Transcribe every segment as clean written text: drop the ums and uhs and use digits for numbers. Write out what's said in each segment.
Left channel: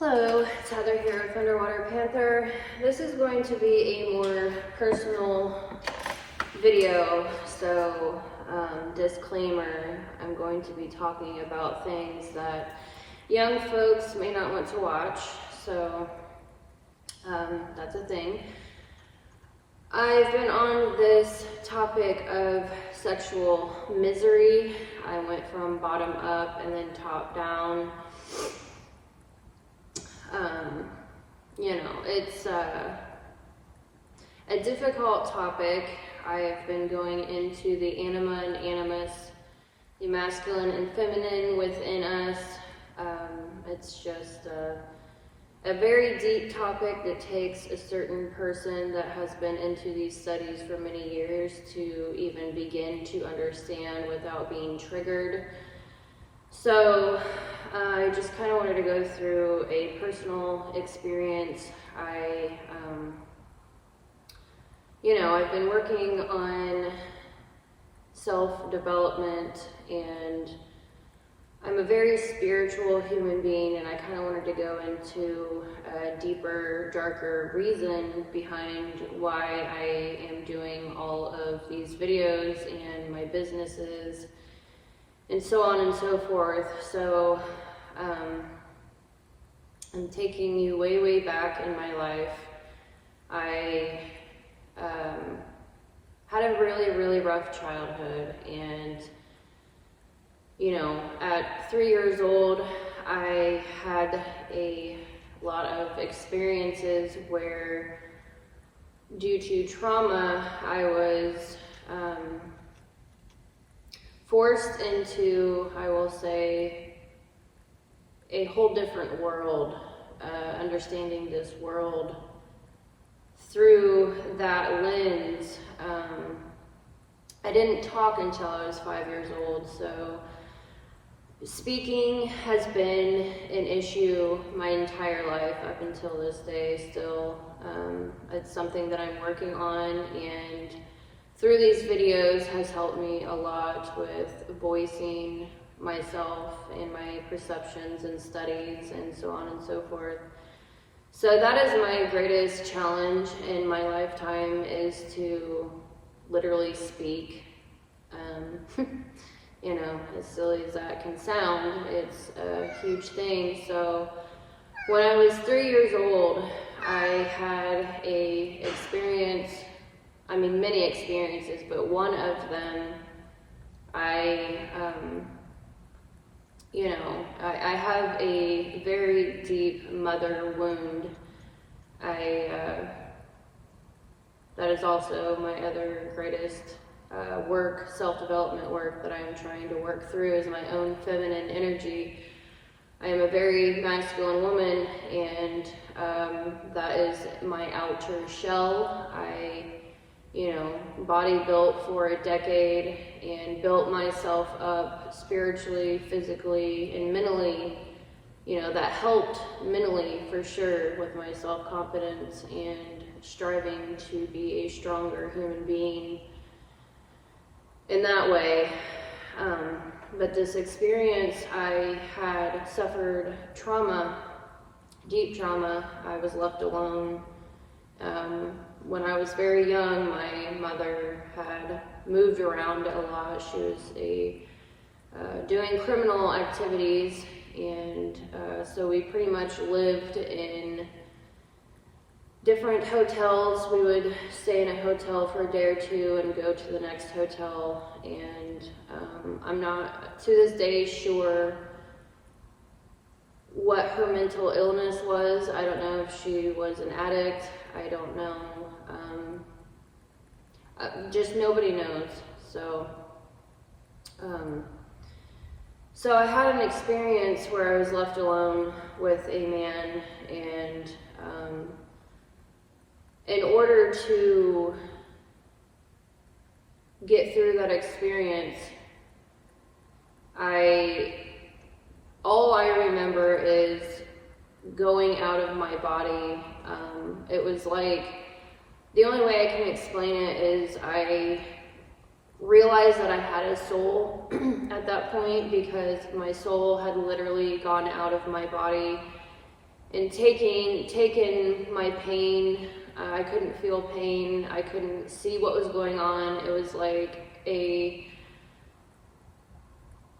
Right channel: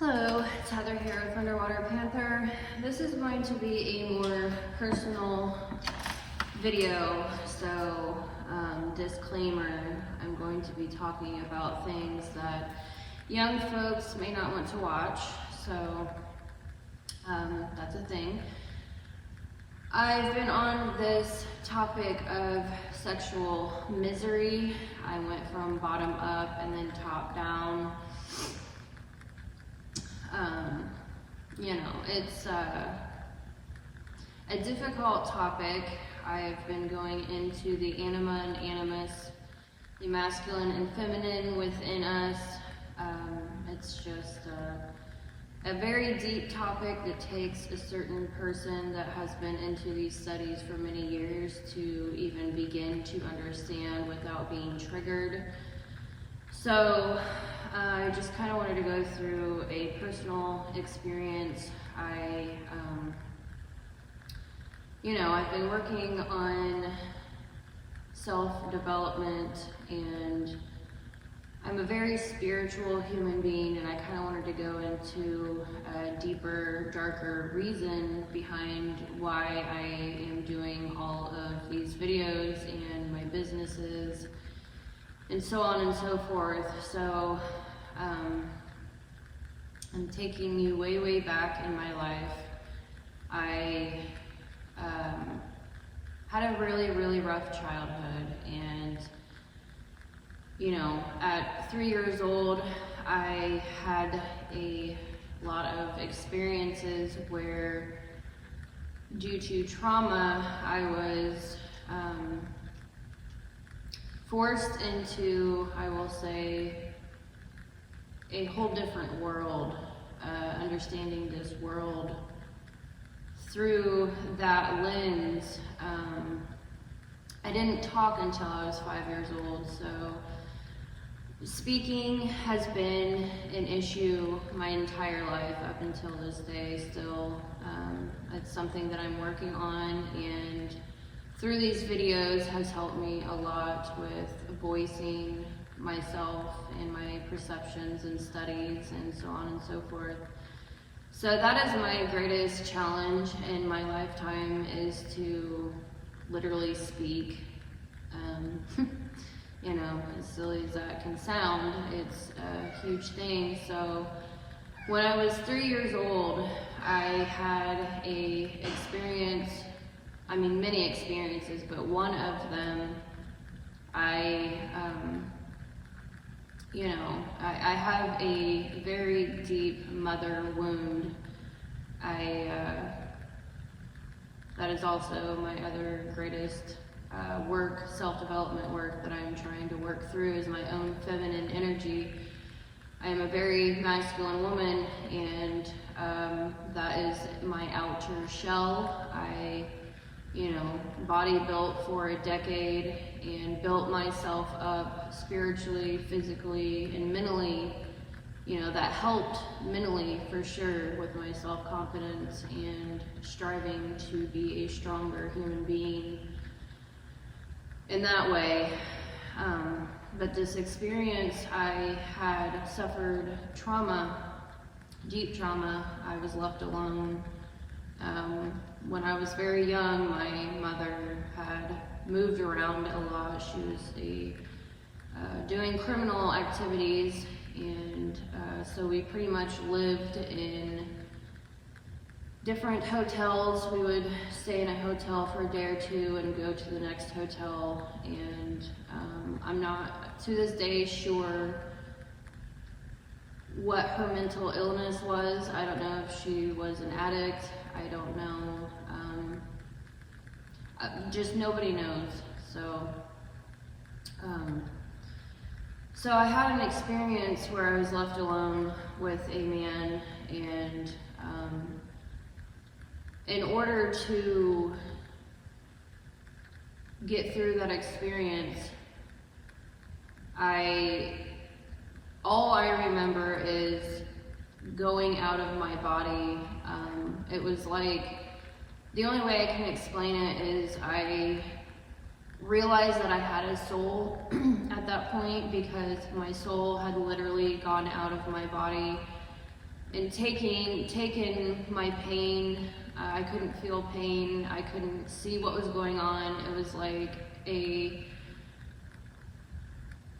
Hello, it's Heather here with Underwater Panther. This is going to be a more personal video, so disclaimer, I'm going to be talking about things that young folks may not want to watch, so that's a thing. I've been on this topic of sexual misery. I went from bottom up and then top down. It's a difficult topic. I've been going into the anima and animus, the masculine and feminine within us. It's just a very deep topic that takes a certain person that has been into these studies for many years to even begin to understand without being triggered. So I just kind of wanted to go through a personal experience. I've been working on self-development, and I'm a very spiritual human being, and I kind of wanted to go into a deeper, darker reason behind why I am doing all of these videos and my businesses and so on and so forth. So I'm taking you way, way back in my life. I had a really, really rough childhood, and at 3 years old, I had a lot of experiences where, due to trauma, I was forced into, I will say, a whole different world, understanding this world through that lens. I didn't talk until I was 5 years old, so speaking has been an issue my entire life up until this day still. It's something that I'm working on, and through these videos has helped me a lot with voicing myself and my perceptions and studies and so on and so forth. So that is my greatest challenge in my lifetime, is to literally speak. As silly as that can sound, it's a huge thing. So when I was 3 years old, I had many experiences, but one of them, I have a very deep mother wound. That is also my other greatest self-development work that I'm trying to work through, is my own feminine energy. I am a very masculine woman, and that is my outer shell. I body built for a decade and built myself up spiritually, physically, and mentally. That helped mentally for sure with my self-confidence and striving to be a stronger human being in that way. But this experience, I had suffered trauma, deep trauma. I was left alone. When I was very young, my mother had moved around a lot. She was doing criminal activities, and so we pretty much lived in different hotels. We would stay in a hotel for a day or two and go to the next hotel, and I'm not to this day sure what her mental illness was. I don't know if she was an addict. I don't know. Just nobody knows. So I had an experience where I was left alone with a man, and in order to get through that experience, all I remember is going out of my body. It was like, the only way I can explain it is I realized that I had a soul at that point, because my soul had literally gone out of my body and taking my pain. I couldn't feel pain. I couldn't see what was going on. It was like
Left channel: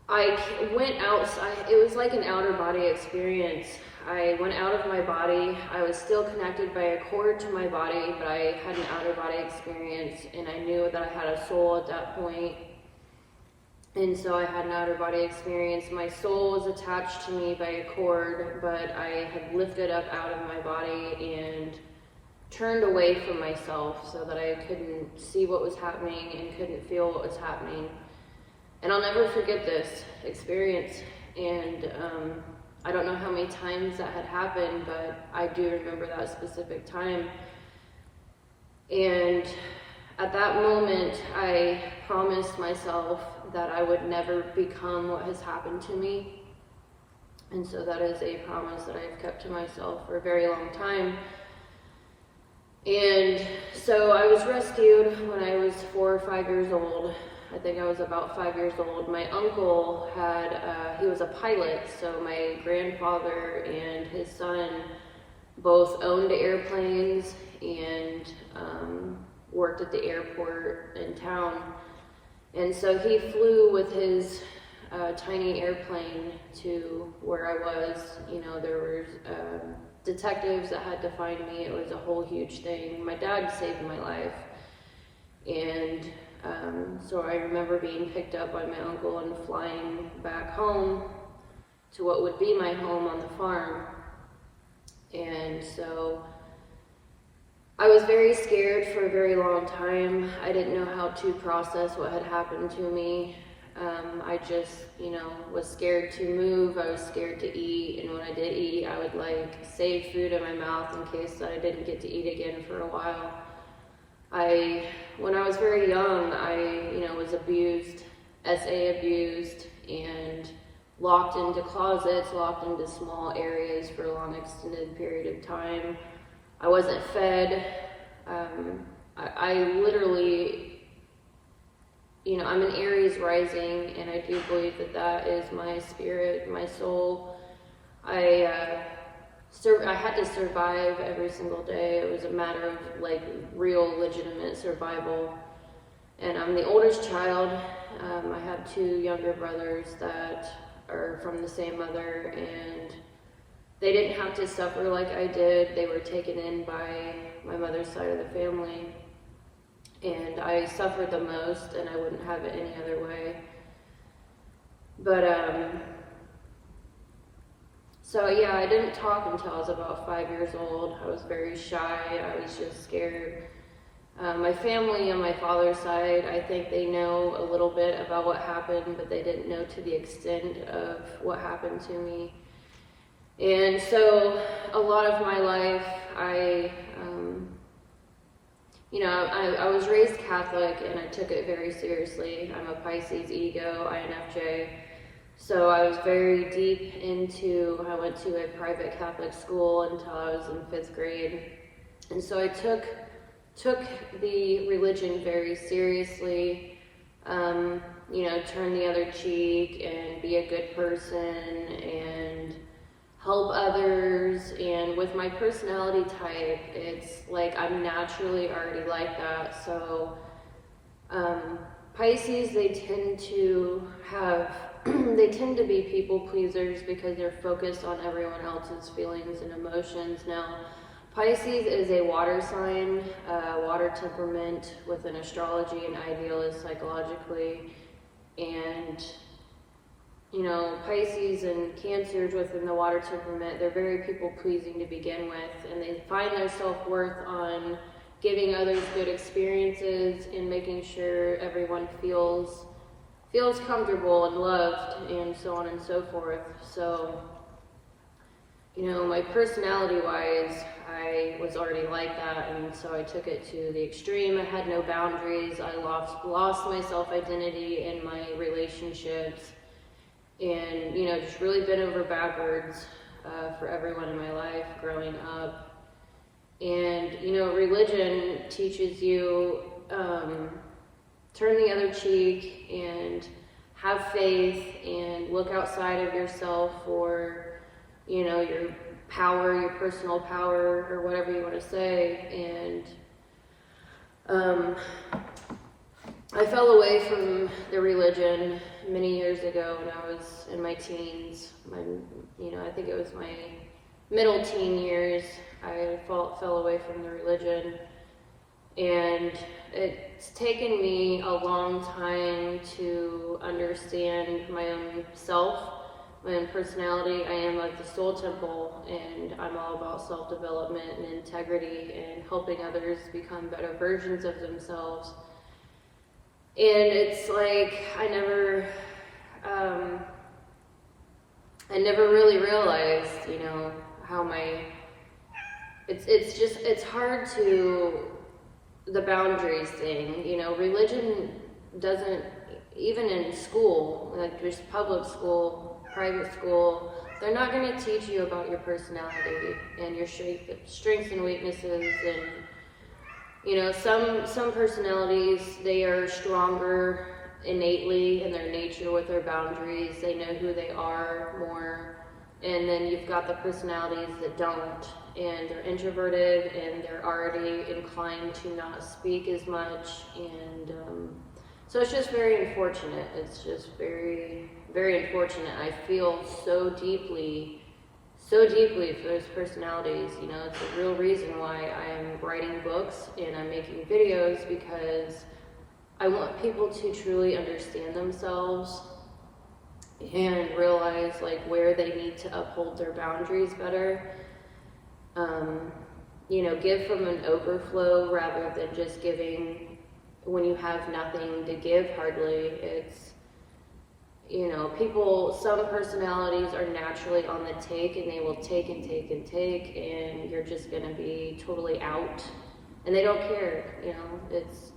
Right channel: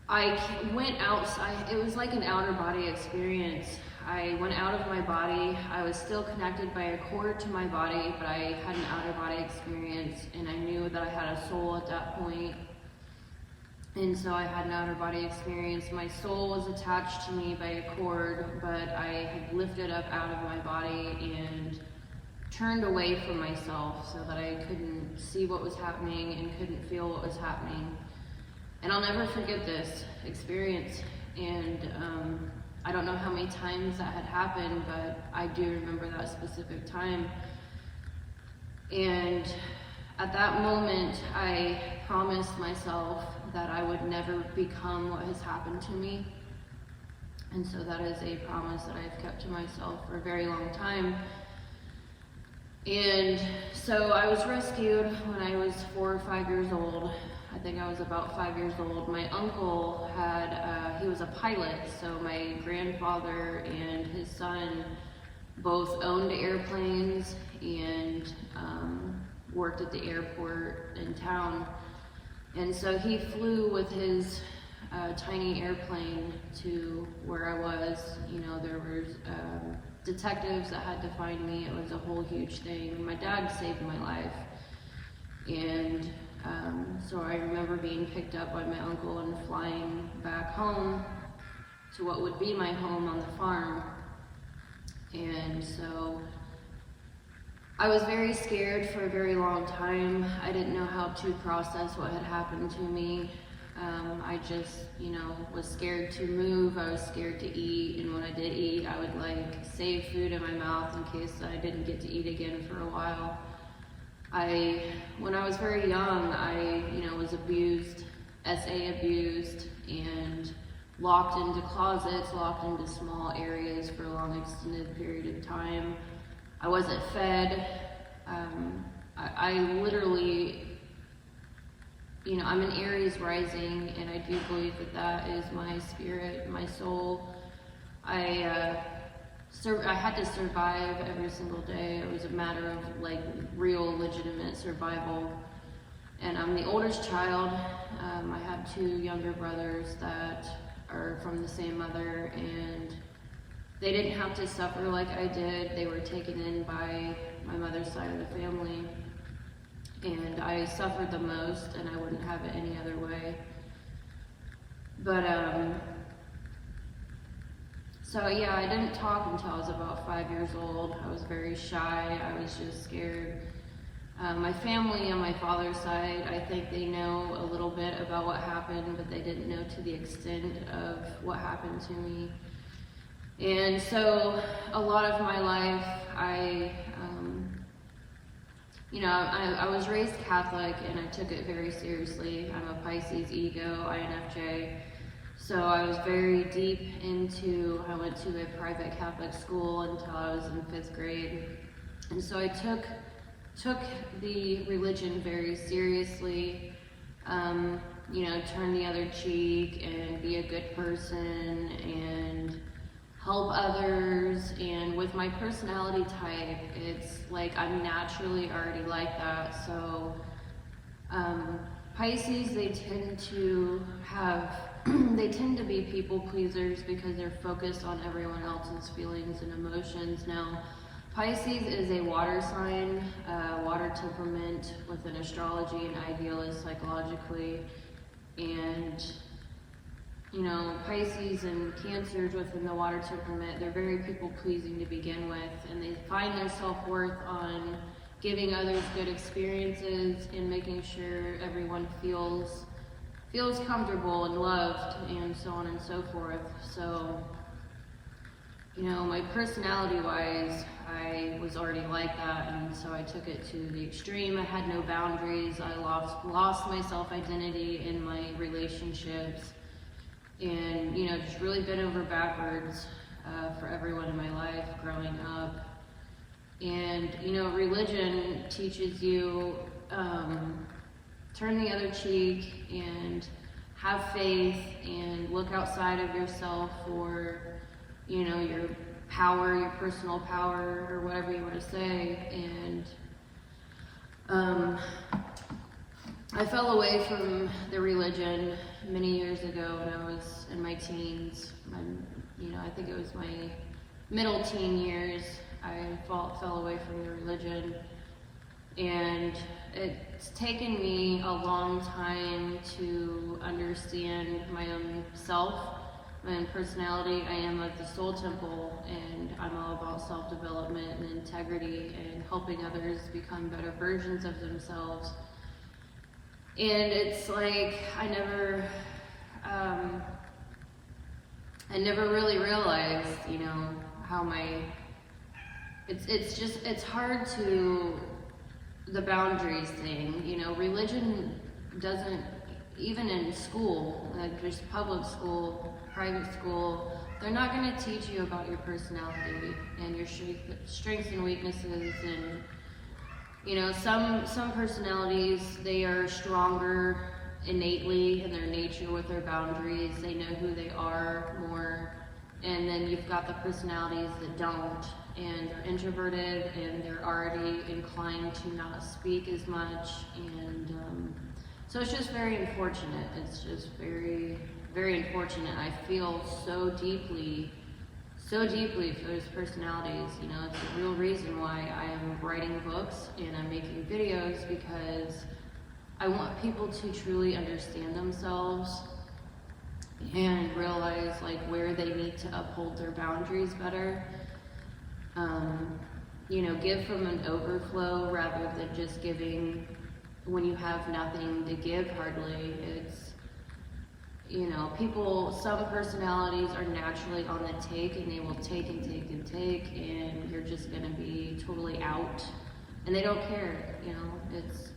I went outside. It was like an outer body experience. I went out of my body. I was still connected by a cord to my body, but I had an outer body experience, and I knew that I had a soul at that point. And so I had an outer body experience. My soul was attached to me by a cord, but I had lifted up out of my body and turned away from myself so that I couldn't see what was happening and couldn't feel what was happening. And I'll never forget this experience. And I don't know how many times that had happened, but I do remember that specific time. And at that moment, I promised myself that I would never become what has happened to me. And so that is a promise that I've kept to myself for a very long time. And so I was rescued when I was 4 or 5 years old. I think I was about 5 years old. My uncle he was a pilot, so my grandfather and his son both owned airplanes and worked at the airport in town. And so he flew with his tiny airplane to where I was. You know, there was detectives that had to find me. It was a whole huge thing. My dad saved my life. And so I remember being picked up by my uncle and flying back home to what would be my home on the farm. And so I was very scared for a very long time. I didn't know how to process what had happened to me. I just, was scared to move. I was scared to eat. And when I did eat, I would save food in my mouth in case I didn't get to eat again for a while. When I was very young, I was abused, SA abused, and locked into closets, locked into small areas for a long extended period of time. I wasn't fed. I literally, I'm an Aries rising, and I do believe that is my spirit, my soul. I had to survive every single day. It was a matter of real legitimate survival. And I'm the oldest child. I have 2 younger brothers that are from the same mother, and they didn't have to suffer like I did. They were taken in by my mother's side of the family. And I suffered the most, and I wouldn't have it any other way. But so yeah, I didn't talk until I was about 5 years old. I was very shy. I was just scared. My family on my father's side, I think they know a little bit about what happened, but they didn't know to the extent of what happened to me. And so a lot of my life, I was raised Catholic, and I took it very seriously. I'm a Pisces ego, INFJ. So I was very deep I went to a private Catholic school until I was in 5th grade. And so I took the religion very seriously, turn the other cheek and be a good person and help others. And with my personality type, it's I'm naturally already like that. So Pisces, they tend to be people pleasers because they're focused on everyone else's feelings and emotions. Now, Pisces is a water sign, water temperament within astrology and idealist psychologically. And Pisces and Cancers within the water temperament, they're very people pleasing to begin with, and they find their self-worth on giving others good experiences and making sure everyone feels comfortable and loved, and so on and so forth. So, my personality-wise, I was already like that, and so I took it to the extreme. I had no boundaries. I lost my self-identity in my relationships, and, just really bent over backwards for everyone in my life growing up. And, religion teaches you turn the other cheek and have faith and look outside of yourself for, your power, your personal power, or whatever you want to say. And I fell away from the religion many years ago when I was in my teens. I think it was my middle teen years. I fell away from the religion, and it's taken me a long time to understand my own self, my own personality. I am of the soul temple, and I'm all about self-development and integrity and helping others become better versions of themselves. And it's like I never really realized, how it's hard to, the boundaries thing, religion doesn't, even in school, like just public school, private school, they're not going to teach you about your personality and your strengths and weaknesses. And some personalities, they are stronger innately in their nature with their boundaries. They know who they are more. And then you've got the personalities that don't, and they're introverted and they're already inclined to not speak as much. And so it's just very unfortunate. It's just very, very unfortunate. I feel so deeply for those personalities. It's a real reason why I am writing books and I'm making videos, because I want people to truly understand themselves and realize like where they need to uphold their boundaries better. Give from an overflow rather than just giving when you have nothing to give hardly. It's, some personalities are naturally on the take, and they will take and take and take, and you're just going to be totally out, and they don't care. It's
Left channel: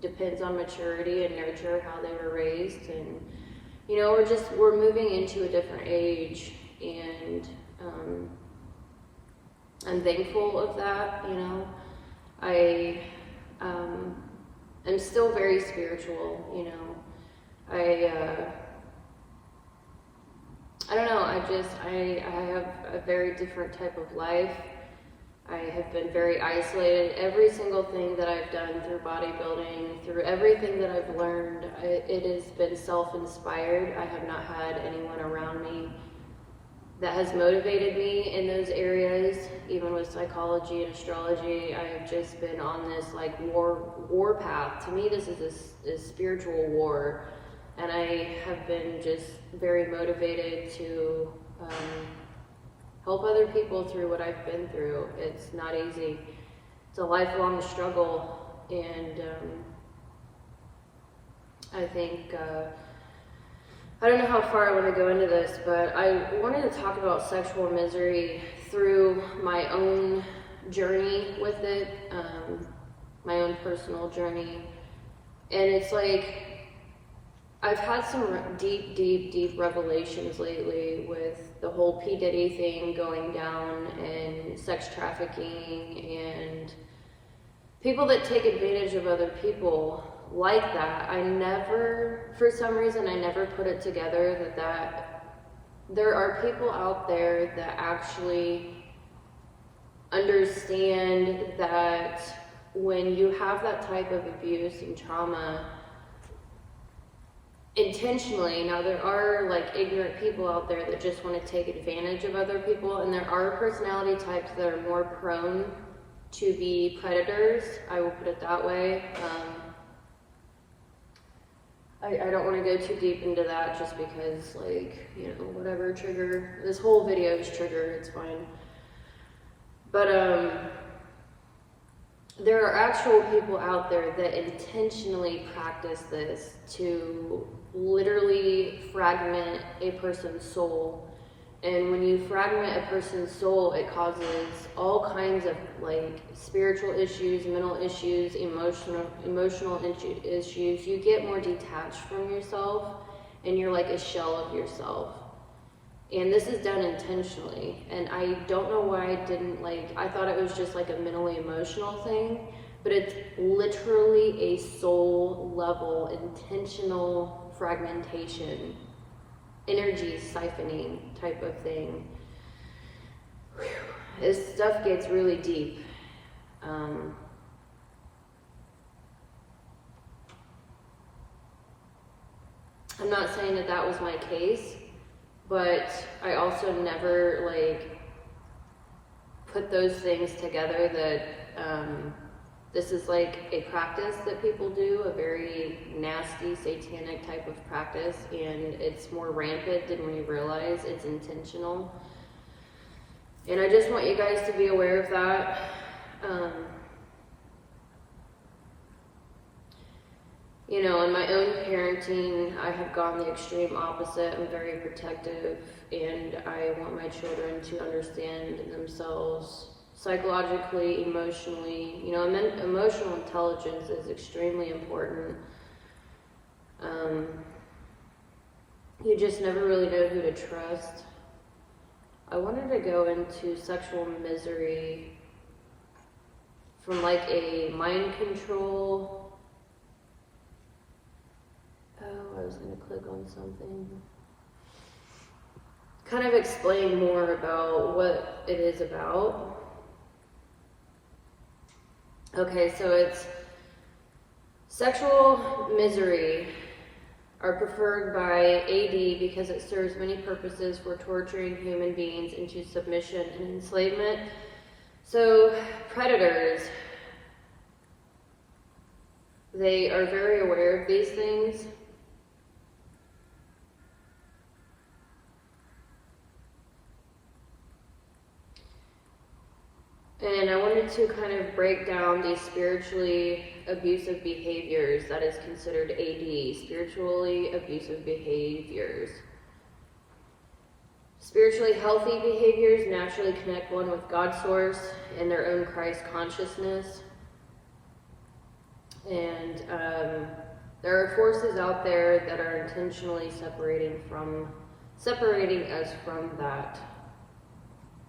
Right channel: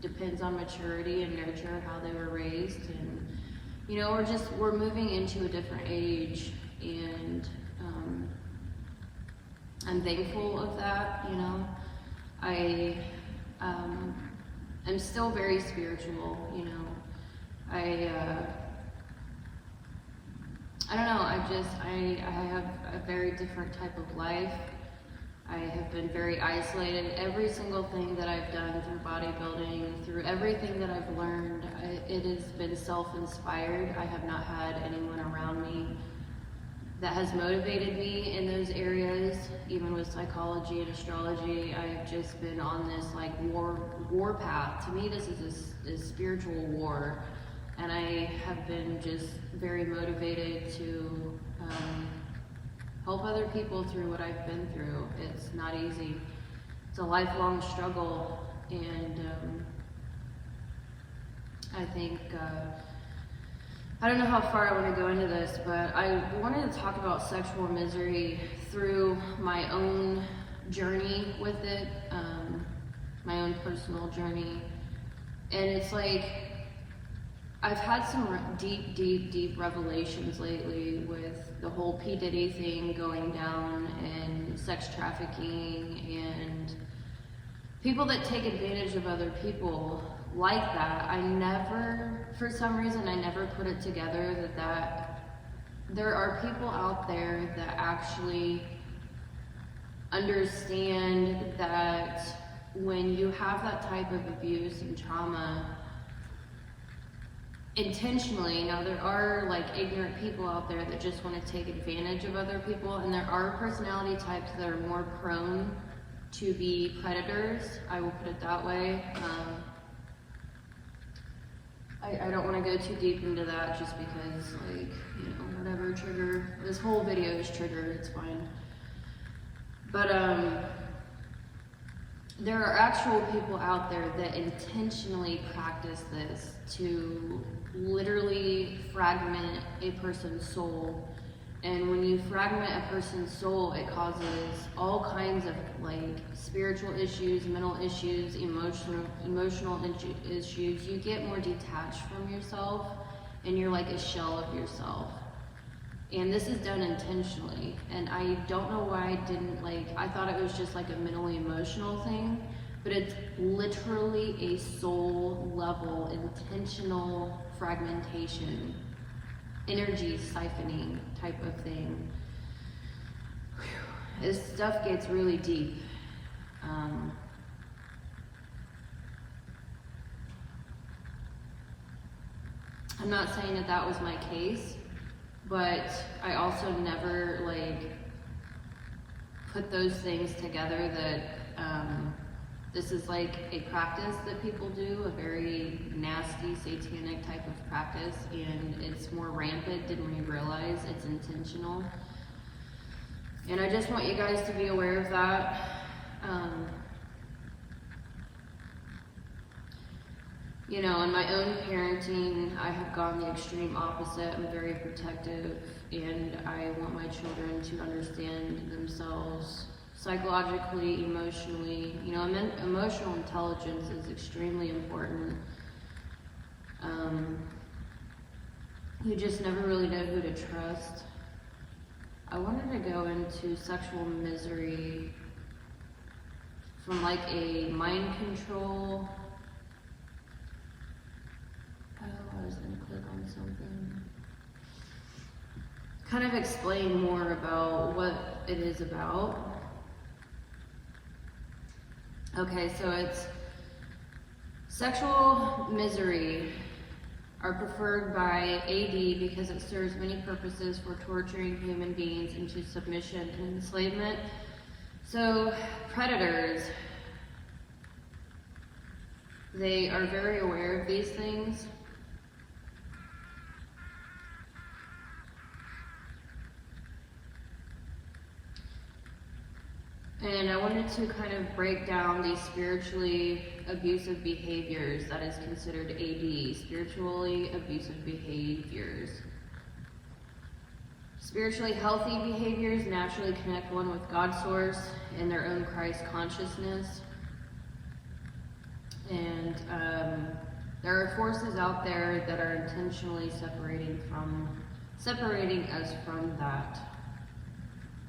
depends on maturity and nurture, how they were raised. And we're moving into a different age, and I'm thankful of that. I am still very spiritual. I don't know, I have a very different type of life. I have been very isolated. Every single thing that I've done through bodybuilding, through everything that I've learned, it has been self-inspired. I have not had anyone around me that has motivated me in those areas. Even with psychology and astrology, I've just been on this like war path. To me, this is a spiritual war. And I have been just very motivated to help other people through what I've been through. It's not easy. It's a lifelong struggle. And I think, I don't know how far I want to go into this, but I wanted to talk about sexual misery through my own journey with it, my own personal journey. And it's like, I've had some deep revelations lately with the whole P. Diddy thing going down, and sex trafficking, and people that take advantage of other people like that. For some reason, I never put it together that there are people out there that actually understand that when you have that type of abuse and trauma, intentionally. Now there are like ignorant people out there that just want to take advantage of other people, and there are personality types that are more prone to be predators. I will put it that way. I don't want to go too deep into that, just because whatever trigger, this whole video is trigger, it's fine. But there are actual people out there that intentionally practice this to literally fragment a person's soul. And when you fragment a person's soul, it causes all kinds of like spiritual issues, mental issues, emotional issues. You get more detached from yourself, and you're like a shell of yourself. And this is done intentionally. And I don't know why I thought it was just like a mentally emotional thing, but it's literally a soul level, intentional fragmentation, energy siphoning type of thing. this stuff gets really deep. I'm not saying that that was my case, but I also never like put those things together that this is like a practice that people do, a very nasty satanic type of practice, and it's more rampant than we realize. It's intentional, and I just want you guys to be aware of that. You know, in my own parenting, I have gone the extreme opposite. I'm very protective, and I want my children to understand themselves psychologically, emotionally. You know, emotional intelligence is extremely important. You just never really know who to trust. I wanted to go into sexual misery from like a mind control. Oh, I was going to click on something. Kind of explain more about what it is about. Okay, so it's sexual misery are preferred by AD because it serves many purposes for torturing human beings into submission and enslavement. So predators, they are very aware of these things. And I wanted to kind of break down these spiritually abusive behaviors that is considered AD, spiritually abusive behaviors. Spiritually healthy behaviors naturally connect one with God's source and their own Christ consciousness. And there are forces out there that are intentionally separating us from that.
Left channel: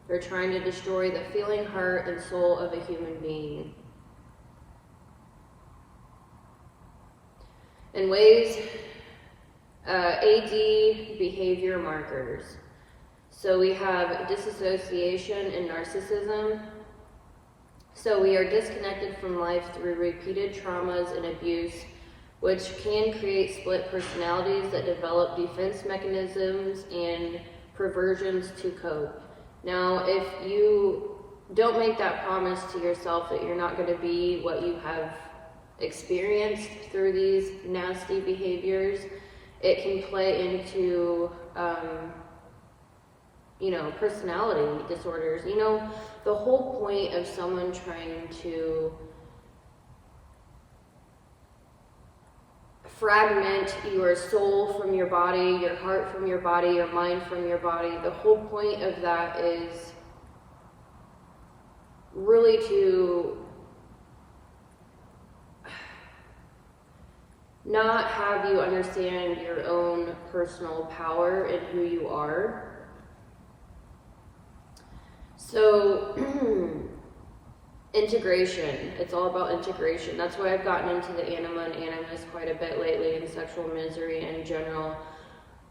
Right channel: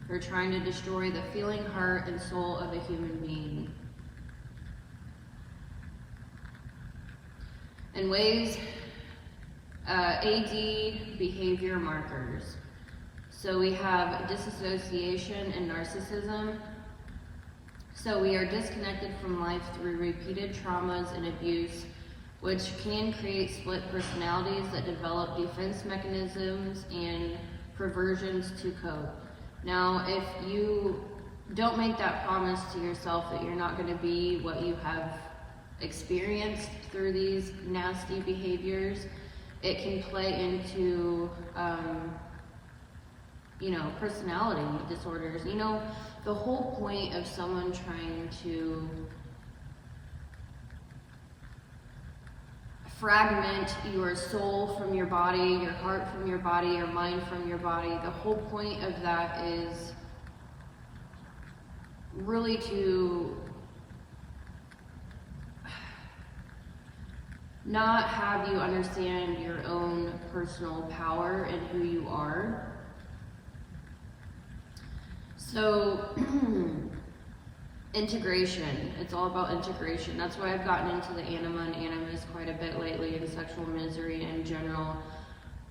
They're trying to destroy the feeling, heart, and soul of a human being. In ways, AD behavior markers. So we have disassociation and narcissism. So we are disconnected from life through repeated traumas and abuse, which can create split personalities that develop defense mechanisms and perversions to cope. Now, if you don't make that promise to yourself that you're not going to be what you have experienced through these nasty behaviors, it can play into, personality disorders. You know, the whole point of someone trying to fragment your soul from your body, your heart from your body, your mind from your body, the whole point of that is really to not have you understand your own personal power and who you are. So, integration. It's all about integration. That's why I've gotten into the anima and animus quite a bit lately, and sexual misery in general.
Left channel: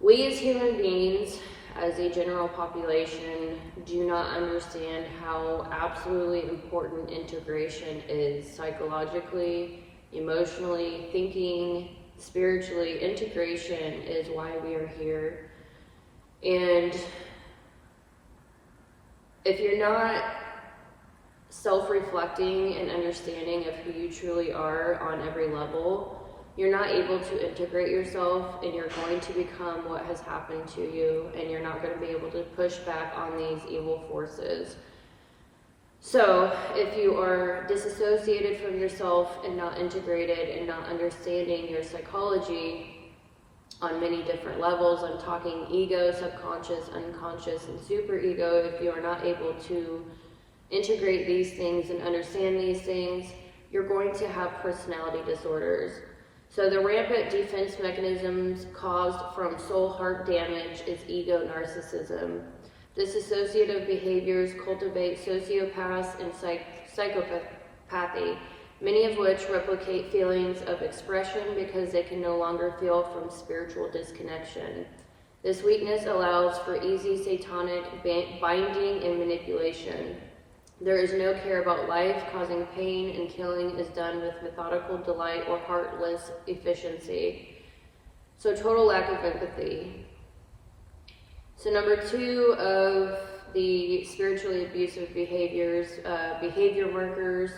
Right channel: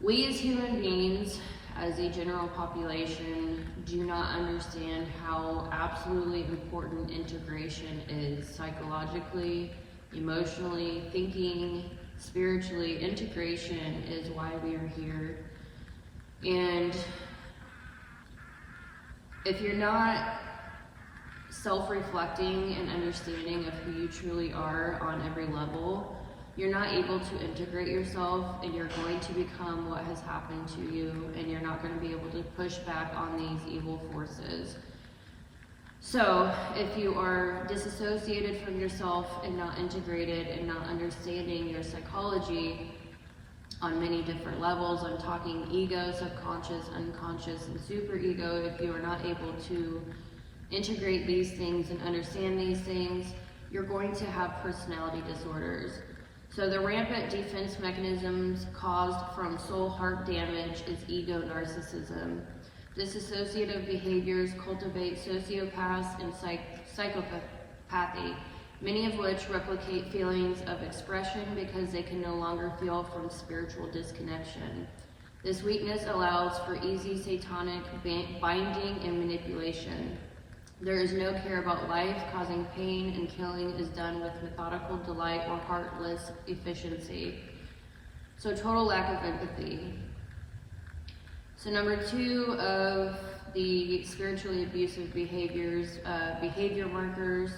We as human beings, as a general population, do not understand how absolutely important integration is psychologically, emotionally, thinking, spiritually. Integration is why we are here. And if you're not self-reflecting and understanding of who you truly are on every level, you're not able to integrate yourself, and you're going to become what has happened to you, and you're not going to be able to push back on these evil forces. So if you are disassociated from yourself and not integrated and not understanding your psychology on many different levels, I'm talking ego, subconscious, unconscious, and superego, if you are not able to integrate these things and understand these things, you're going to have personality disorders. So the rampant defense mechanisms caused from soul-heart damage is ego narcissism. Dissociative behaviors cultivate sociopaths and psychopathy, many of which replicate feelings of expression because they can no longer feel from spiritual disconnection. This weakness allows for easy satanic binding and manipulation. There is no care about life, causing pain and killing is done with methodical delight or heartless efficiency. So total lack of empathy. So number 2 of the spiritually abusive behaviors, behavior markers,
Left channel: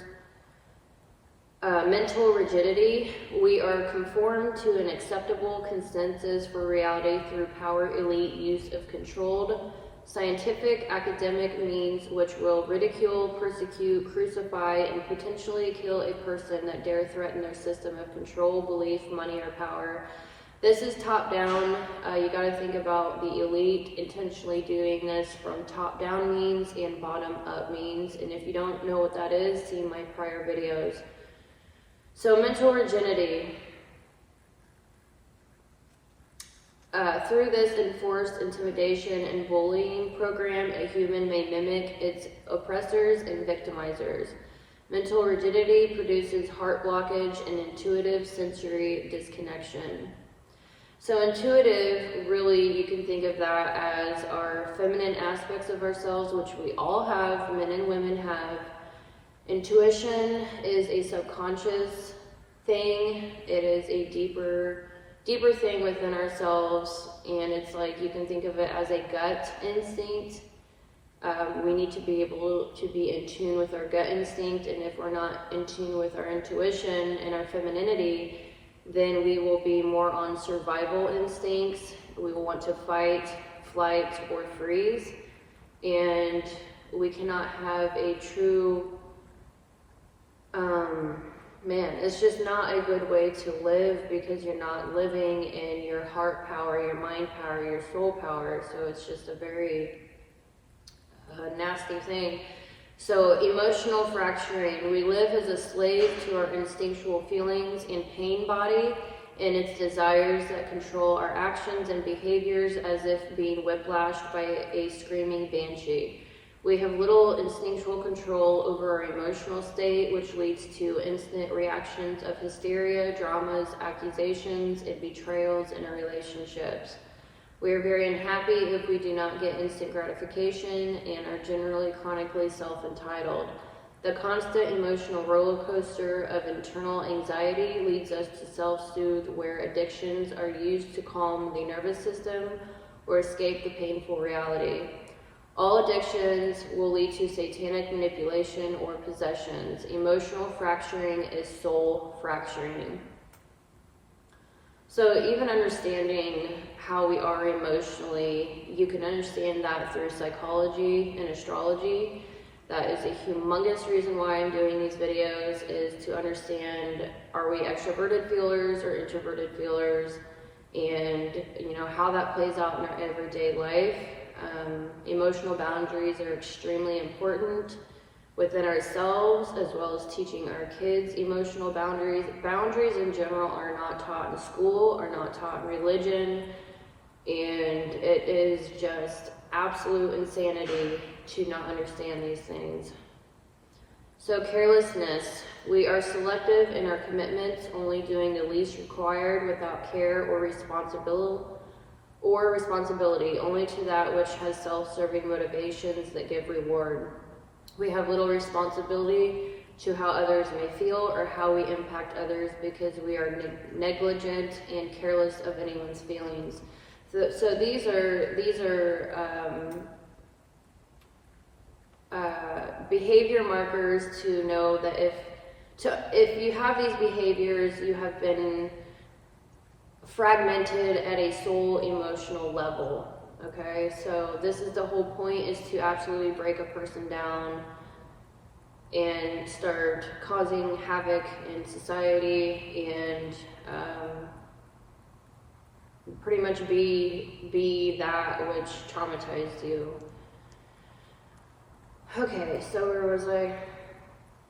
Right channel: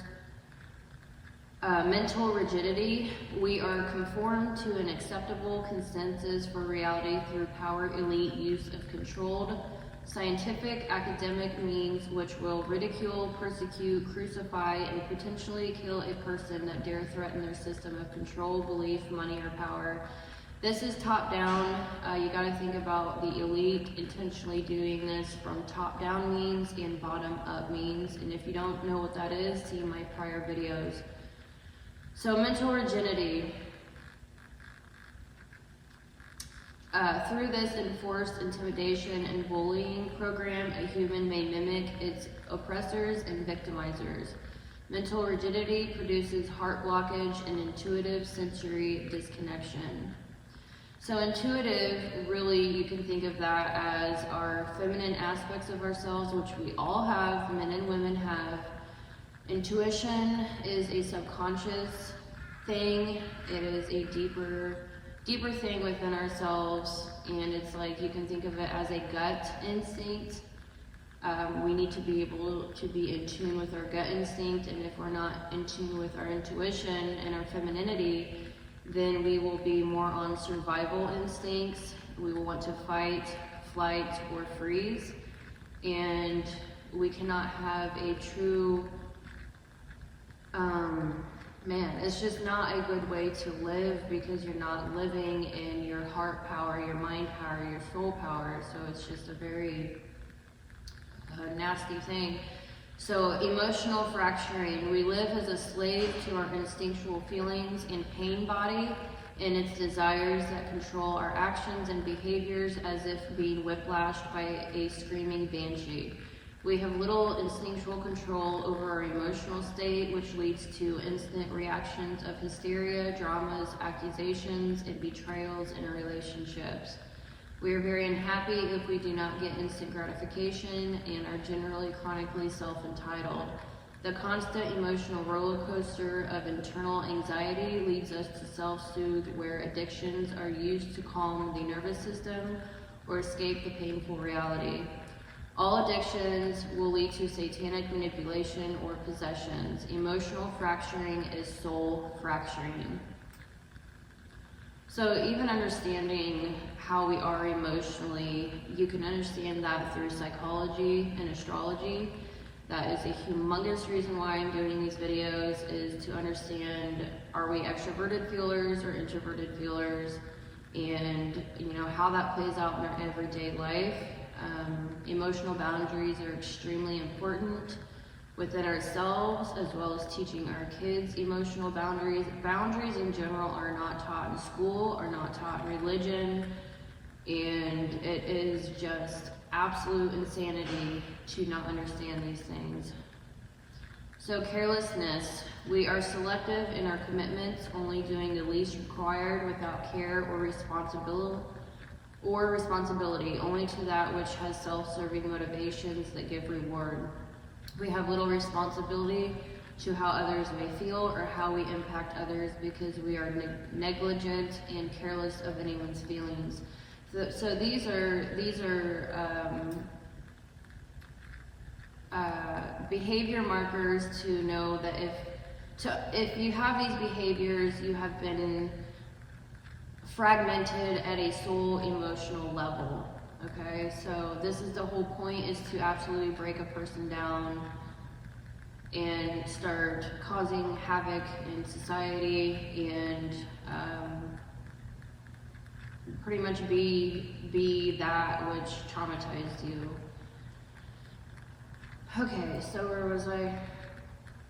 mental rigidity. We are conformed to an acceptable consensus for reality through power elite use of controlled, scientific, academic means which will ridicule, persecute, crucify, and potentially kill a person that dare threaten their system of control, belief, money, or power. This is top down. You got to think about the elite intentionally doing this from top down means and bottom up means. And if you don't know what that is, see my prior videos. So mental rigidity. Through this enforced intimidation and bullying program, a human may mimic its oppressors and victimizers. Mental rigidity produces heart blockage and intuitive sensory disconnection. So intuitive, really, you can think of that as our feminine aspects of ourselves, which we all have, men and women have. Intuition is a subconscious thing. It is a deeper thing within ourselves, and it's like you can think of it as a gut instinct. We need to be able to be in tune with our gut instinct, and if we're not in tune with our intuition and our femininity, then we will be more on survival instincts. We will want to fight, flight, or freeze, and we cannot have a true, it's just not a good way to live, because you're not living in your heart power, your mind power, your soul power. So it's just a very nasty thing. So emotional fracturing. We live as a slave to our instinctual feelings and pain body and its desires that control our actions and behaviors, as if being whiplashed by a screaming banshee. We have little instinctual control over our emotional state, which leads to instant reactions of hysteria, dramas, accusations, and betrayals in our relationships. We are very unhappy if we do not get instant gratification and are generally chronically self-entitled. The constant emotional roller coaster of internal anxiety leads us to self-soothe, where addictions are used to calm the nervous system or escape the painful reality. All addictions will lead to satanic manipulation or possessions. Emotional fracturing is soul fracturing. So even understanding how we are emotionally, you can understand that through psychology and astrology. That is a humongous reason why I'm doing these videos, is to understand, are we extroverted feelers or introverted feelers, and how that plays out in our everyday life. Emotional boundaries are extremely important within ourselves, as well as teaching our kids emotional boundaries. Boundaries in general are not taught in school, are not taught in religion, and it is just absolute insanity to not understand these things. So carelessness. We are selective in our commitments, only doing the least required without care or responsibility, only to that which has self-serving motivations that give reward. We have little responsibility to how others may feel or how we impact others, because we are negligent and careless of anyone's feelings. So these are behavior markers to know that if you have these behaviors, you have been fragmented at a soul emotional level. Okay, so this is the whole point, is to absolutely break a person down and start causing havoc in society, and pretty much be that which traumatized you. Okay, so where was I?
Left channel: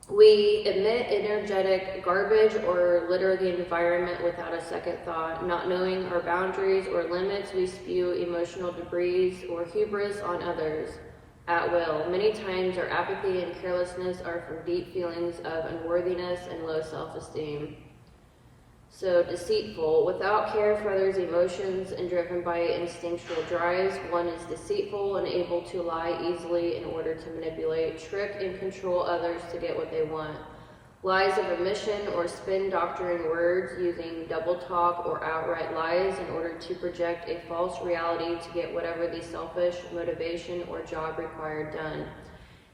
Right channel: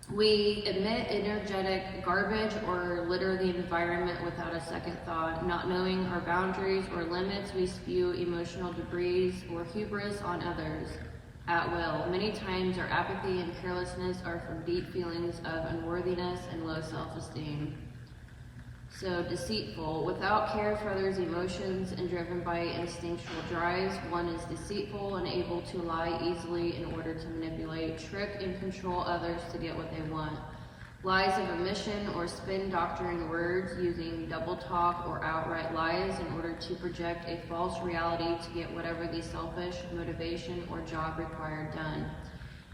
We emit energetic garbage or litter the environment without a second thought. Not knowing our boundaries or limits, we spew emotional debris or hubris on others at will. Many times our apathy and carelessness are from deep feelings of unworthiness and low self-esteem. So deceitful, without care for others' emotions and driven by instinctual drives, one is deceitful and able to lie easily in order to manipulate, trick, and control others to get what they want. Lies of omission or spin-doctoring words using double talk or outright lies in order to project a false reality to get whatever the selfish motivation or job required done.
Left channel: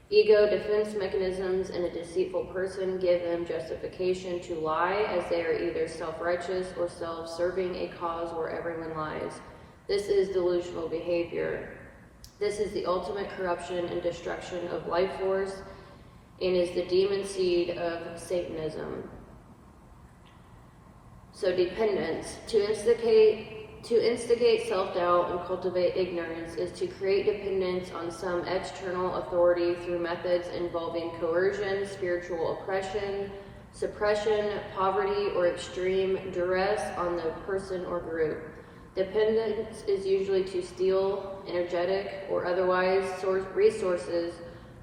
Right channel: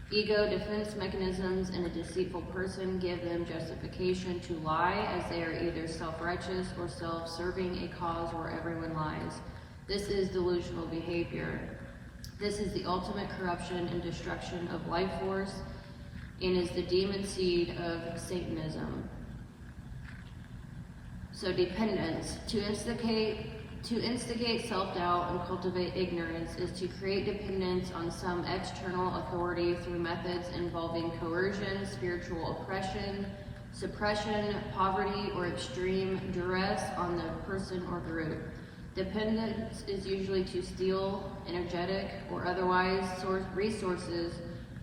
Ego defense mechanisms in a deceitful person give them justification to lie, as they are either self-righteous or self-serving a cause where everyone lies. This is delusional behavior. This is the ultimate corruption and destruction of life force and is the demon seed of Satanism. So dependence. To instigate self-doubt and cultivate ignorance is to create dependence on some external authority through methods involving coercion, spiritual oppression, suppression, poverty, or extreme duress on the person or group. Dependence is usually to steal energetic or otherwise resources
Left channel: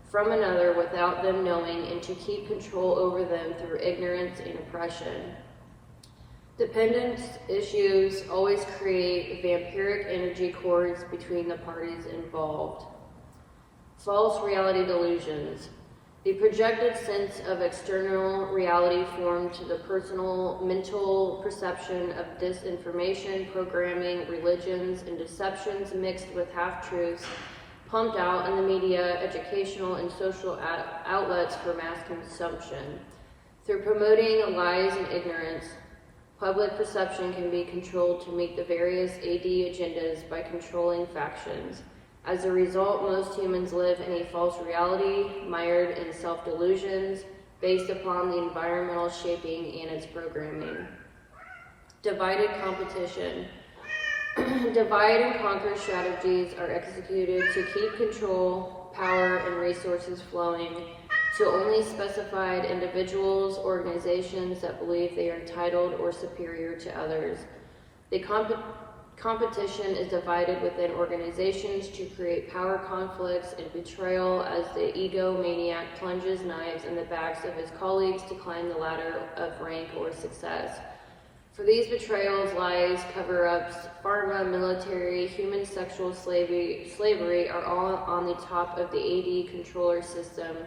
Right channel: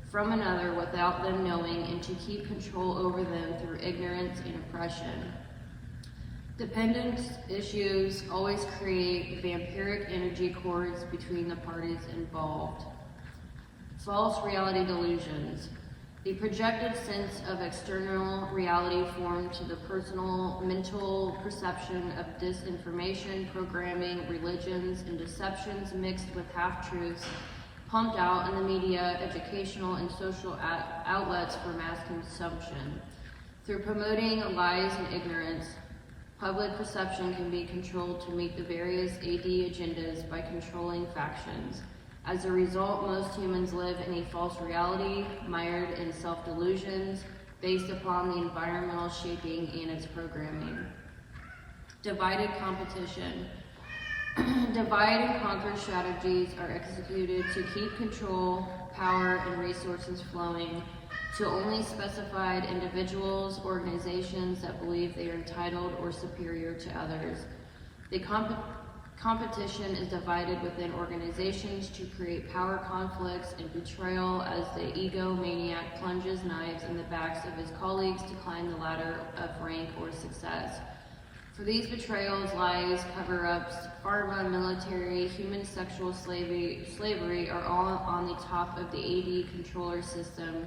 from another without them knowing and to keep control over them through ignorance and oppression. Dependence issues always create vampiric energy cords between the parties involved. False reality delusions. The projected sense of external reality formed to the personal mental perception of disinformation, programming, religions, and deceptions mixed with half-truths pumped out in the media, educational, and social outlets for mass consumption. Through promoting lies and ignorance, public perception can be controlled to meet the various AD agendas by controlling factions. As a result, most humans live in a false reality, mired in self-delusions, based upon the environmental shaping and its programming. Divided competition. Divide and conquer strategies are executed to keep control, power, and resources flowing to only specified individuals, organizations that believe they are entitled or superior to others. The competition is divided within organizations to create power conflicts and betrayal as the egomaniac plunges knives in the backs of his colleagues to climb the ladder of rank or success. For these betrayals, lies, cover-ups, pharma, military, human sexual slavery are all on the top of the AD controller system,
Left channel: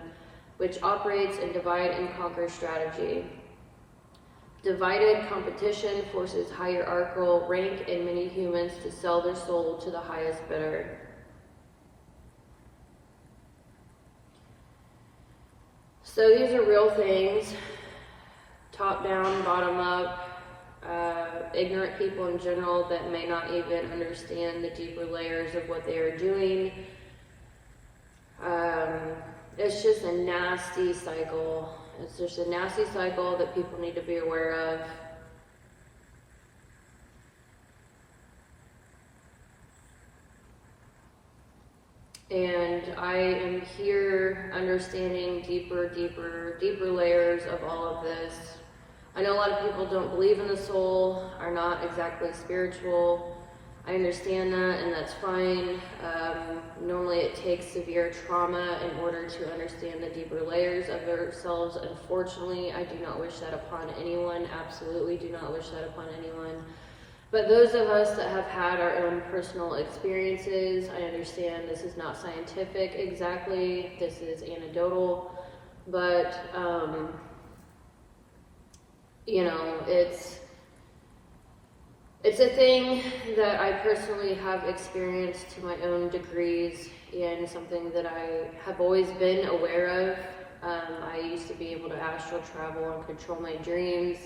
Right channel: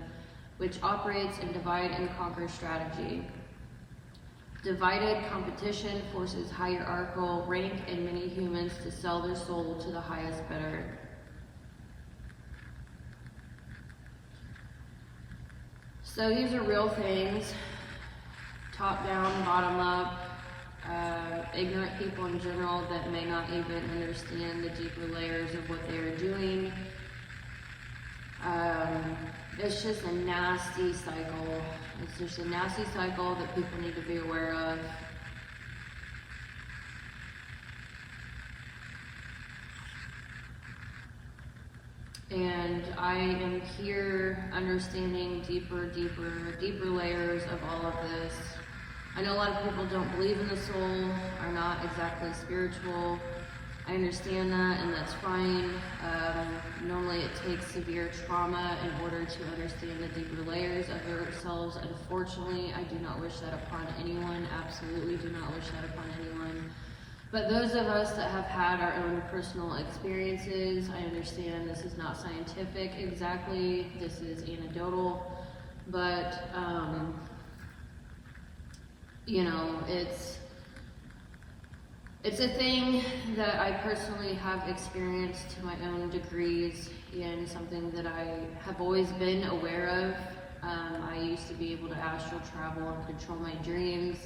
which operates in divide and conquer strategy. Divided competition forces hierarchical rank in many humans to sell their soul to the highest bidder. So these are real things, top down, bottom up. Ignorant people in general that may not even understand the deeper layers of what they are doing. It's just a nasty cycle. It's just a nasty cycle that people need to be aware of. And I am here understanding deeper layers of all of this. I know a lot of people don't believe in the soul, are not exactly spiritual. I understand that, and that's fine. Normally it takes severe trauma in order to understand the deeper layers of ourselves. Unfortunately, I do not wish that upon anyone. Absolutely do not wish that upon anyone. But those of us that have had our own personal experiences, I understand this is not scientific exactly. This is anecdotal, but you know, it's a thing that I personally have experienced to my own degrees and something that I have always been aware of. I used to be able to astral travel and control my dreams,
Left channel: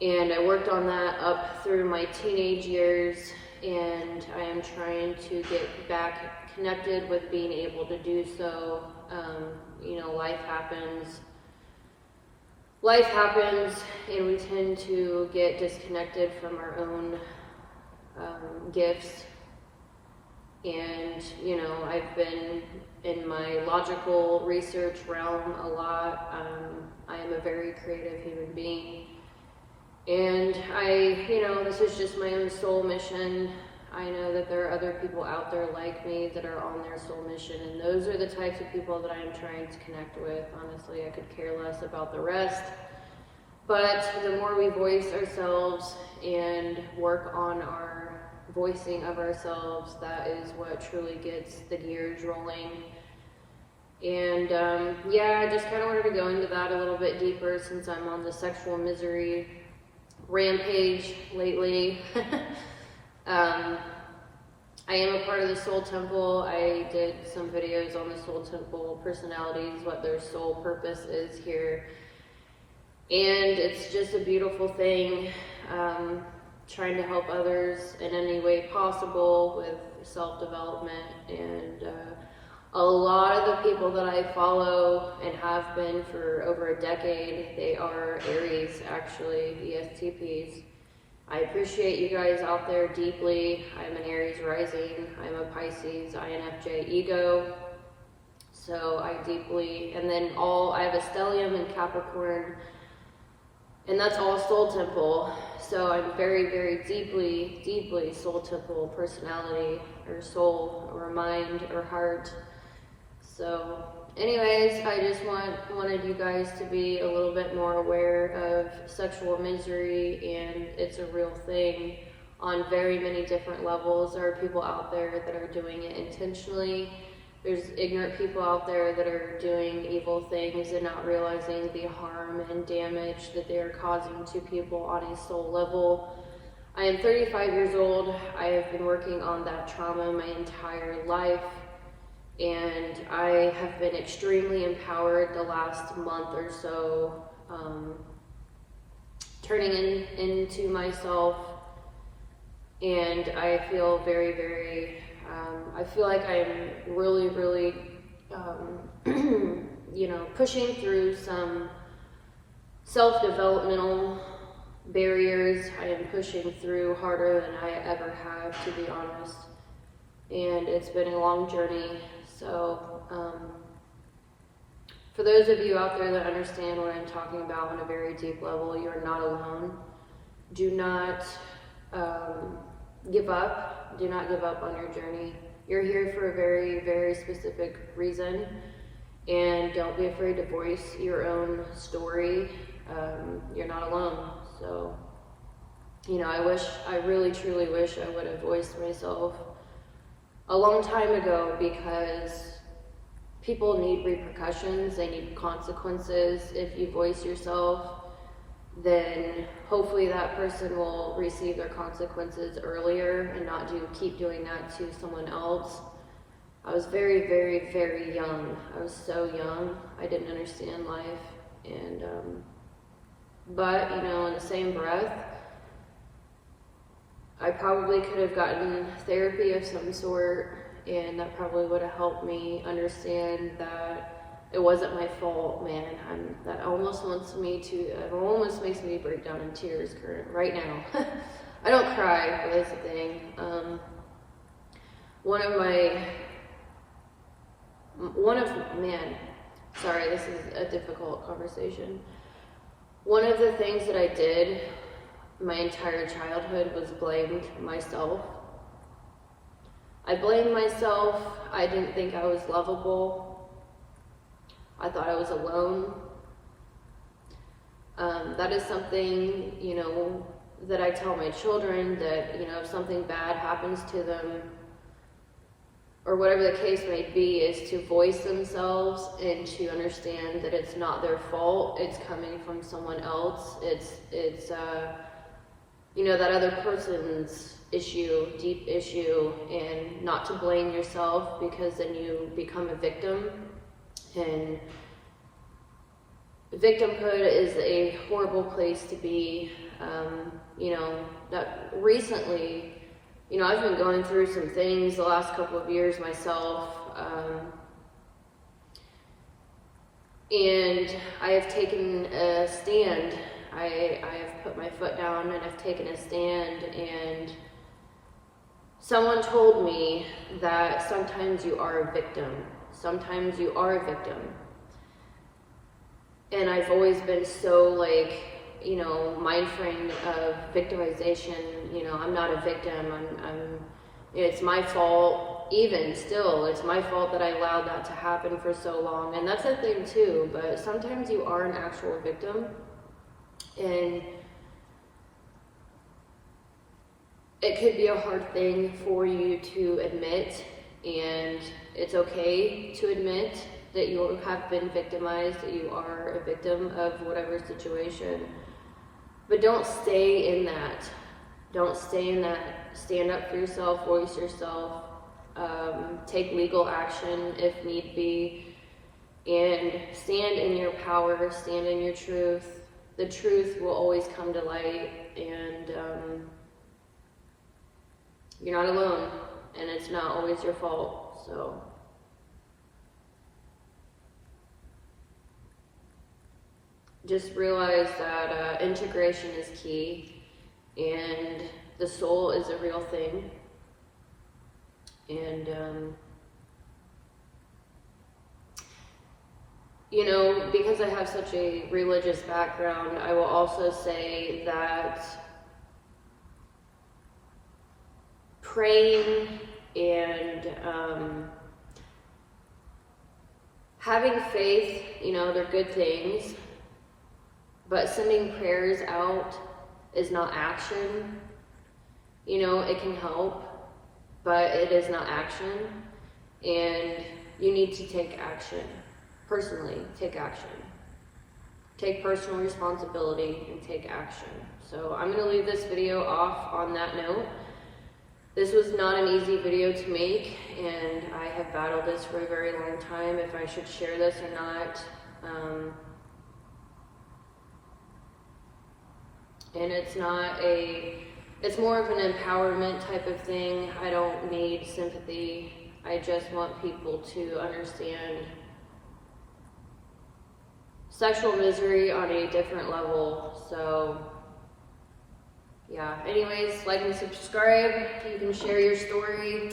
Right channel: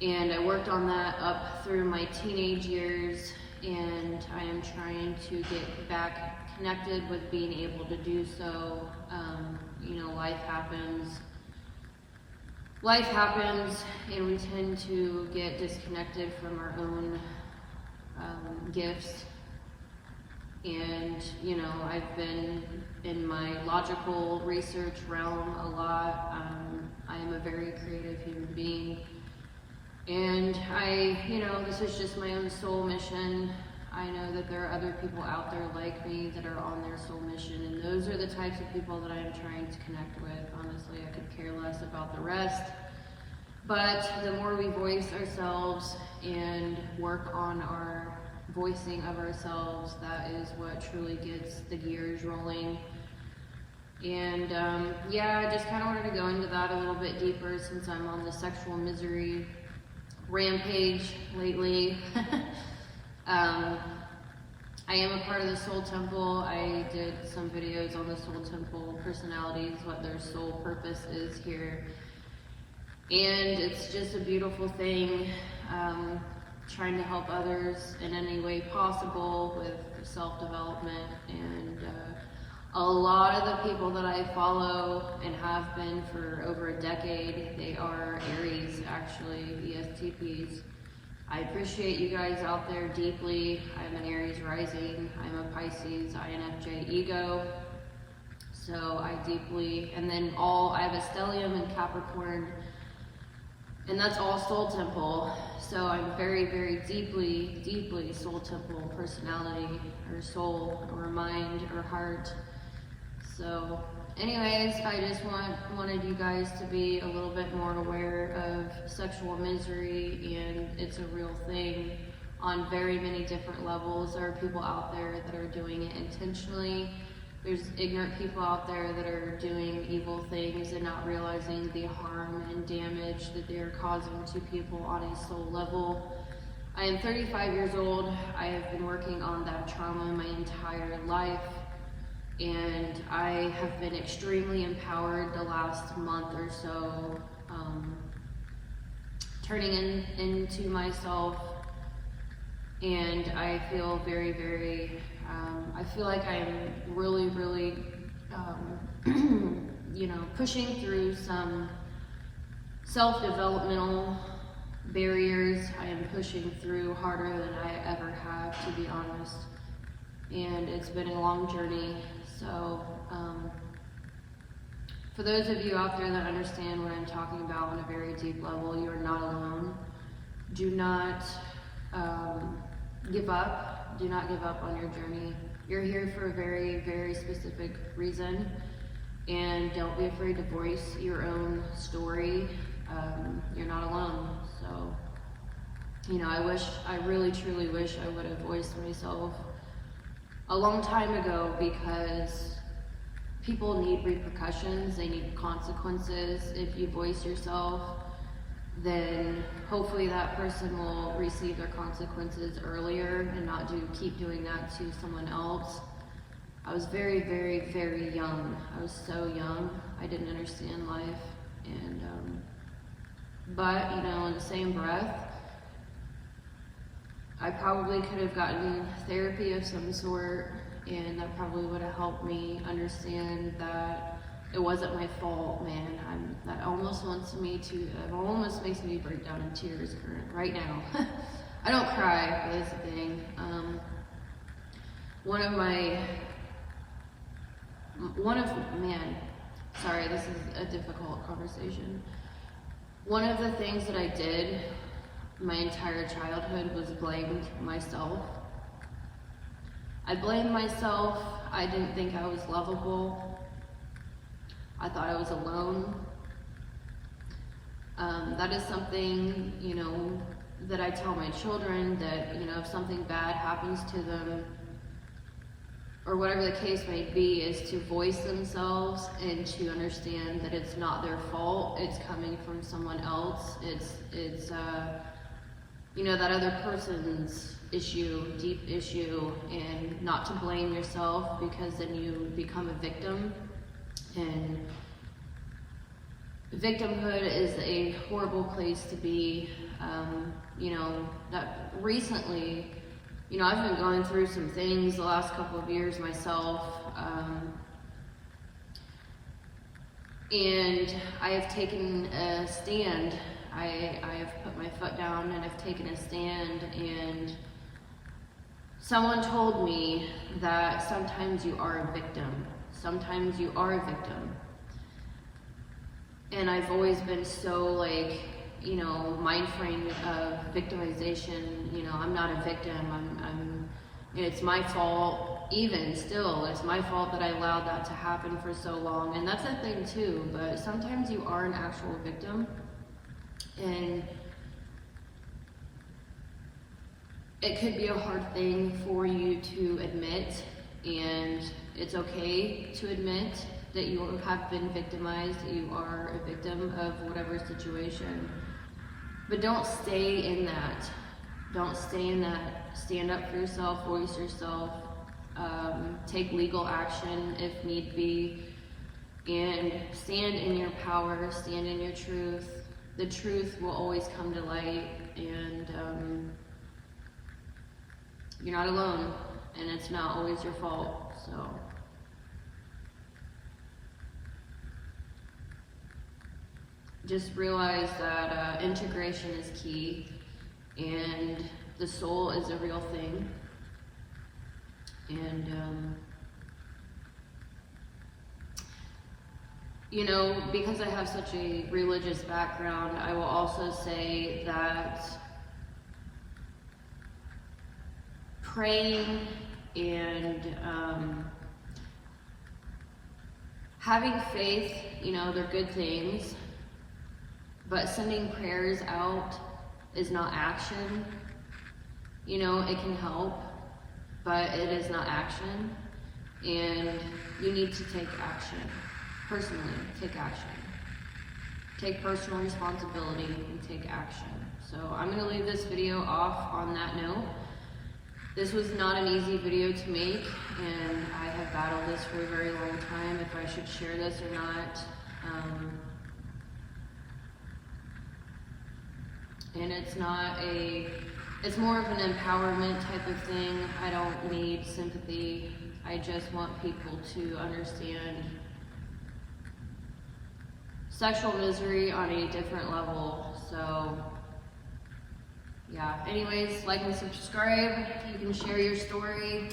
and I worked on that up through my teenage years, and I am trying to get back connected with being able to do so. You know, life happens, and we tend to get disconnected from our own gifts. And, you know, I've been in my logical research realm a lot. I am a very creative human being. And this is just my own soul mission. I know that there are other people out there like me that are on their soul mission, and those are the types of people that I am trying to connect with. Honestly, I could care less about the rest. But the more we voice ourselves and work on our voicing of ourselves, that is what truly gets the gears rolling. And yeah, I just kind of wanted to go into that a little bit deeper since I'm on the sexual misery rampage lately. I am a part of the Soul Temple. I did some videos on the Soul Temple personalities, what their soul purpose is here. And it's just a beautiful thing, trying to help others in any way possible with self-development. And a lot of the people that I follow and have been for over a decade, they are Aries, actually, ESTPs. I appreciate you guys out there deeply. I'm an Aries rising, I'm a Pisces, INFJ ego. So I deeply, and then I have a stellium in Capricorn, and that's all Soul Temple. So I'm very, very deeply, deeply Soul Temple personality, or soul, or mind, or heart. So anyways, I just wanted you guys to be a little bit more aware of sexual misery, and it's a real thing on very many different levels. There are people out there that are doing it intentionally. There's ignorant people out there that are doing evil things and not realizing the harm and damage that they are causing to people on a soul level. I am 35 years old. I have been working on that trauma my entire life. And I have been extremely empowered the last month or so, turning into myself, and I feel very, very, I feel like I am really, really, you know, pushing through some self-developmental barriers. I am pushing through harder than I ever have, to be honest, and it's been a long journey. So, for those of you out there that understand what I'm talking about on a very deep level, you are not alone. Do not give up. Do not give up on your journey. You're here for a very, very specific reason, and don't be afraid to voice your own story. You're not alone. So, you know, I really, truly wish I would have voiced myself a long time ago, because people need repercussions, they need consequences. If you voice yourself, then hopefully that person will receive their consequences earlier and not keep doing that to someone else. I was very, very, very young. I was so young. I didn't understand life, and but you know, in the same breath, I probably could have gotten therapy of some sort, and that probably would have helped me understand that it wasn't my fault, man. That almost makes me break down in tears right now. I don't cry, but that's the thing. Sorry, this is a difficult conversation. One of the things that I did my entire childhood was blamed myself. I blamed myself. I didn't think I was lovable. I thought I was alone. That is something, you know, that I tell my children, that, you know, if something bad happens to them, or whatever the case may be, is to voice themselves and to understand that it's not their fault. It's coming from someone else. It's you know, that other person's issue, deep issue, and not to blame yourself, because then you become a victim. And victimhood is a horrible place to be. You know, that recently, you know, I've been going through some things the last couple of years myself, and I have taken a stand. I have put my foot down and I've taken a stand, and someone told me that sometimes you are a victim. Sometimes you are a victim. And I've always been so, like, you know, mind framed of victimization. You know, I'm not a victim. It's my fault. Even still, it's my fault that I allowed that to happen for so long. And that's a thing too, but sometimes you are an actual victim. And it could be a hard thing for you to admit, and it's okay to admit that you have been victimized, that you are a victim of whatever situation. But don't stay in that. Don't stay in that. Stand up for yourself, voice yourself, take legal action if need be, and stand in your power, stand in your truth. The truth will always come to light, and you're not alone, and it's not always your fault. So just realize that integration is key, and the soul is a real thing. And you know, because I have such a religious background, I will also say that praying and having faith, you know, they're good things, but sending prayers out is not action. You know, it can help, but it is not action, and you need to take action. Personally, take action. Take personal responsibility and take action. So I'm going to leave this video off on that note. This was not an easy video to make, and I have battled this for a very long time, if I should share this or not. And it's more of an empowerment type of thing. I don't need sympathy. I just want people to understand sexual misery on a different level. So yeah, anyways, like and subscribe. You can share your story.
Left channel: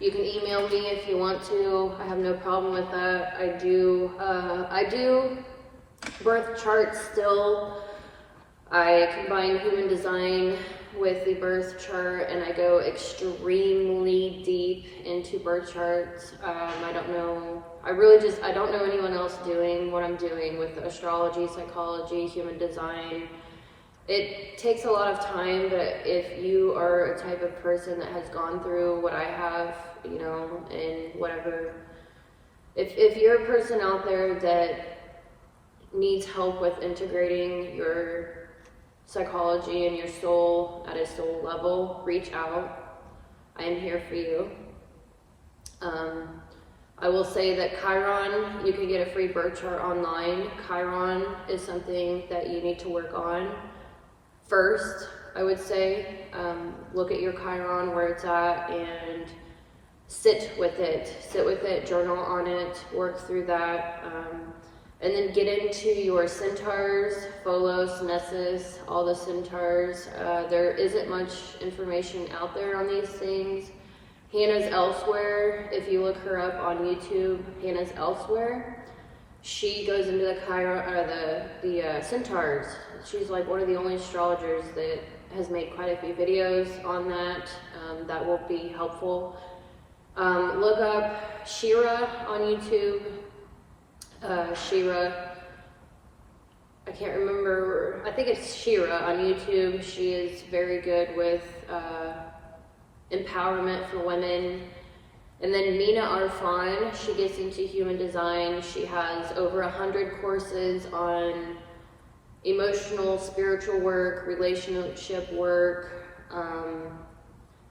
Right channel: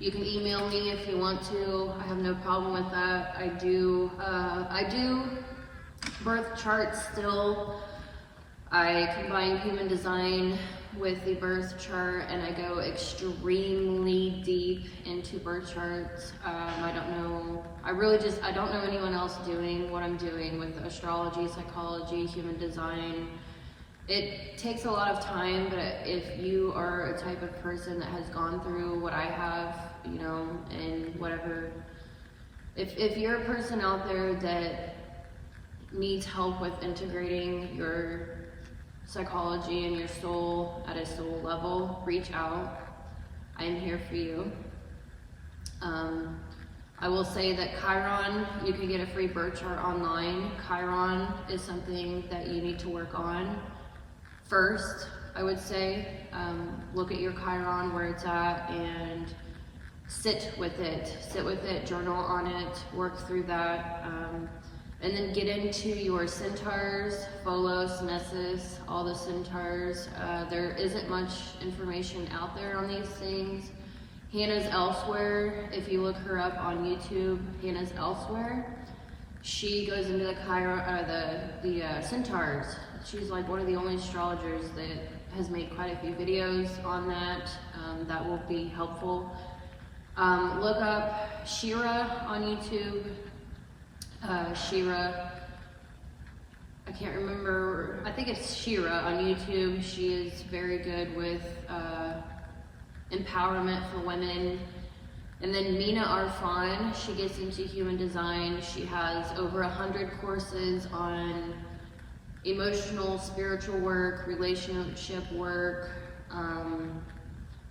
You can email me if you want to. I have no problem with that. I do birth charts still. I combine human design with the birth chart, and I go extremely deep into birth charts. I don't know anyone else doing what I'm doing with astrology, psychology, human design. It takes a lot of time, but if you are a type of person that has gone through what I have, you know, and whatever, if you're a person out there that needs help with integrating your psychology and your soul at a soul level, reach out. I am here for you. I will say that Chiron, you can get a free birth chart online. Chiron is something that you need to work on first, I would say. Look at your Chiron, where it's at, and sit with it, journal on it, work through that. And then get into your centaurs, Pholos, Nessus, all the centaurs. There isn't much information out there on these things. Hannah's Elsewhere, if you look her up on YouTube, Hannah's Elsewhere, she goes into the centaurs. She's like one of the only astrologers that has made quite a few videos on that. That will be helpful. Look up Shira on YouTube. Shira, I can't remember, I think it's Shira on YouTube. She is very good with empowerment for women. And then Mina Arfan, she gets into human design. She has over 100 courses on emotional, spiritual work, relationship work.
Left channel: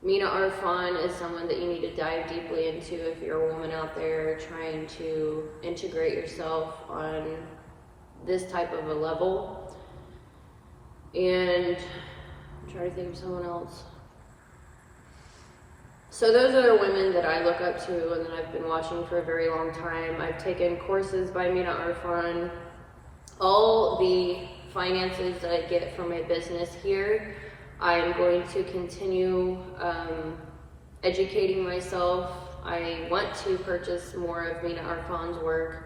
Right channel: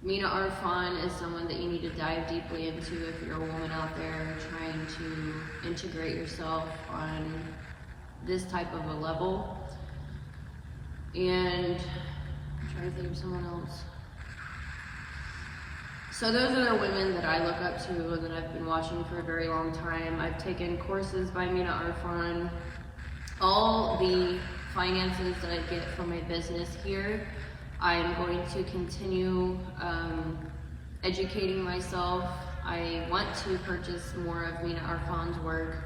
Mina Arfan is someone that you need to dive deeply into if you're a woman out there trying to integrate yourself on this type of a level. And I'm trying to think of someone else. So those are the women that I look up to and that I've been watching for a very long time. I've taken courses by Mina Arfan. All the finances that I get from my business here, I'm going to continue educating myself. I want to purchase more of Mina Arfan's work.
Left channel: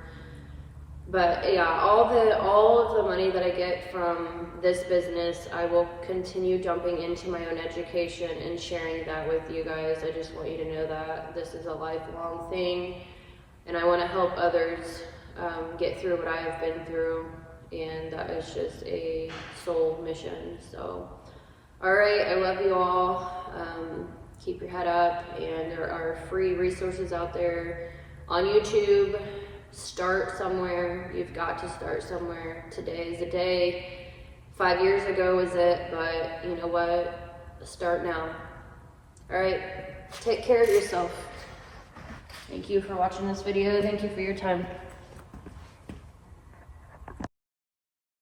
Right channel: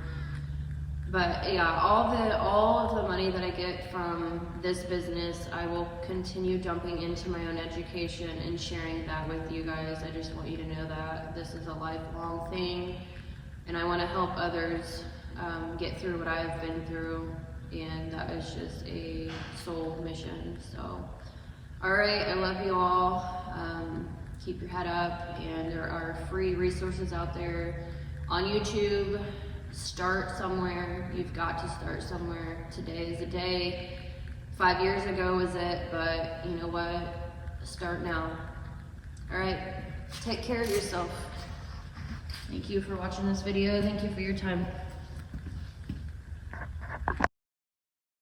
But yeah, all of the money that I get from this business, I will continue dumping into my own education and sharing that with you guys. I just want you to know that this is a lifelong thing, and I want to help others get through what I have been through. and that is just a soul mission. So, all right, I love you all. Keep your head up, and there are free resources out there on YouTube. Start somewhere. You've got to start somewhere. Today is the day. 5 years ago was it, but you know what? Start now. All right, take care of yourself. Thank you for watching this video. Thank you for your time.